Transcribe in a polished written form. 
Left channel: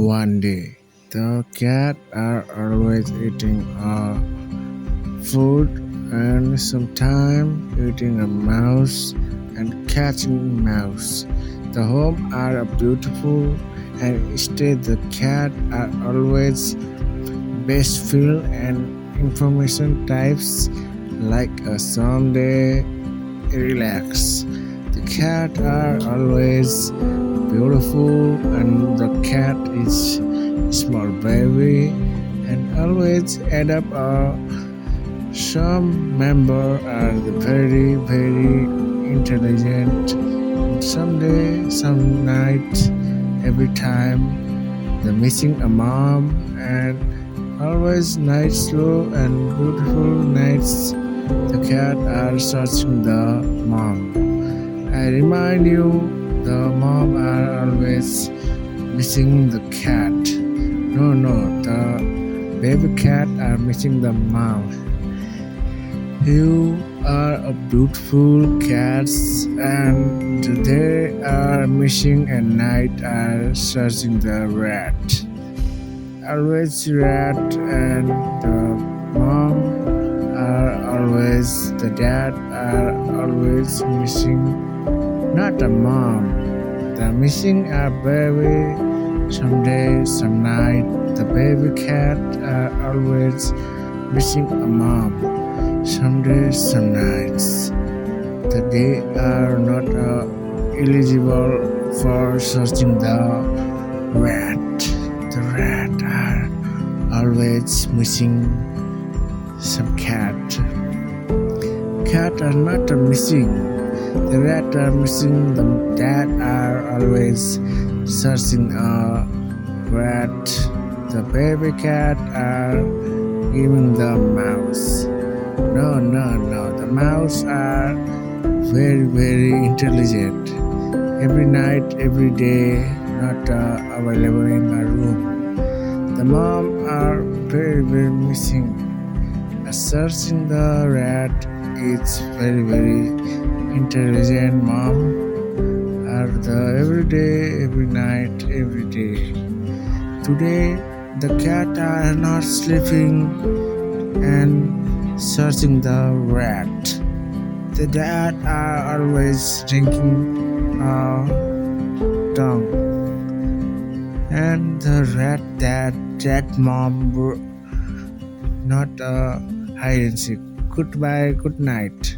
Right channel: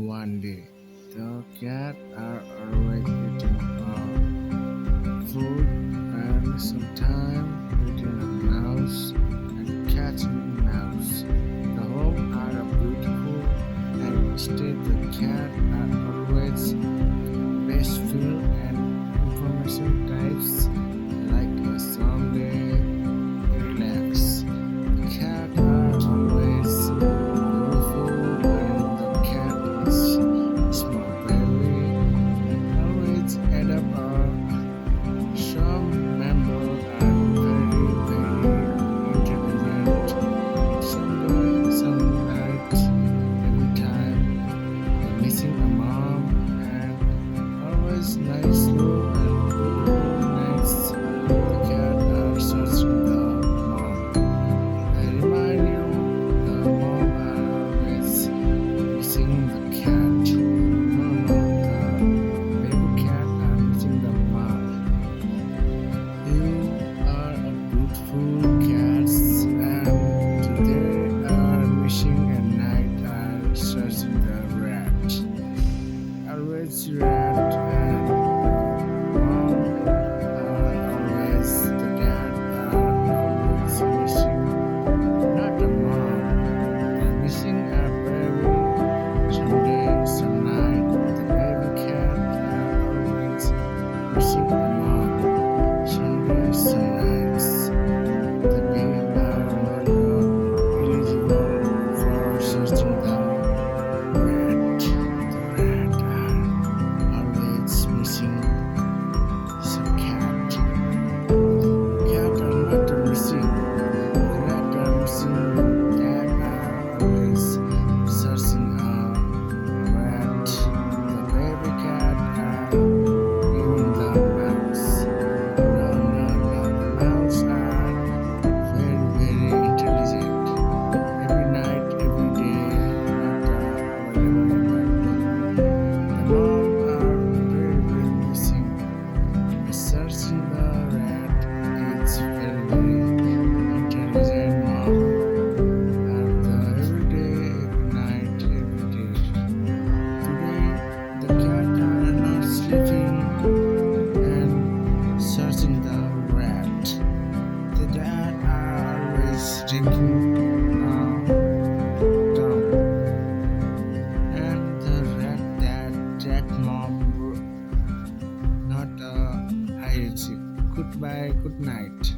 One day, the cat are always eating food and sometime eating a mouse and catching mouse. The home are beautiful and instead the cat are always best feel and information types like a someday relax. The cat are always beautiful and the cat is small baby and always add up some member are very intelligent. Someday, some night, every time the missing a mom and always night slow and beautiful nights. The cat are searching the mom. I remind you, the mom are always missing the cat. No, the baby cat are missing the mom. You are a beautiful cats and they are missing at night are searching the rat. Always rat and the mom are always the dad are always missing. Not a mom. The missing a baby. Someday, some night, the baby cat are always missing a mom. Someday, some nights, the they are not eligible for searching the rat. The rat are always missing some cat. Cat are not missing. The rat are missing. The dad are always searching a rat. The baby cat are giving the mouse. No. The mouse are very intelligent. Every night, every day, not available in my room. The mom are very missing. Searching the rat. It's very intelligent mom. Are the every day, every night, every day. Today, the cat are not sleeping and searching the rat. The dad are always drinking tongue. And the rat that mom not hide and seek. Goodbye, good night.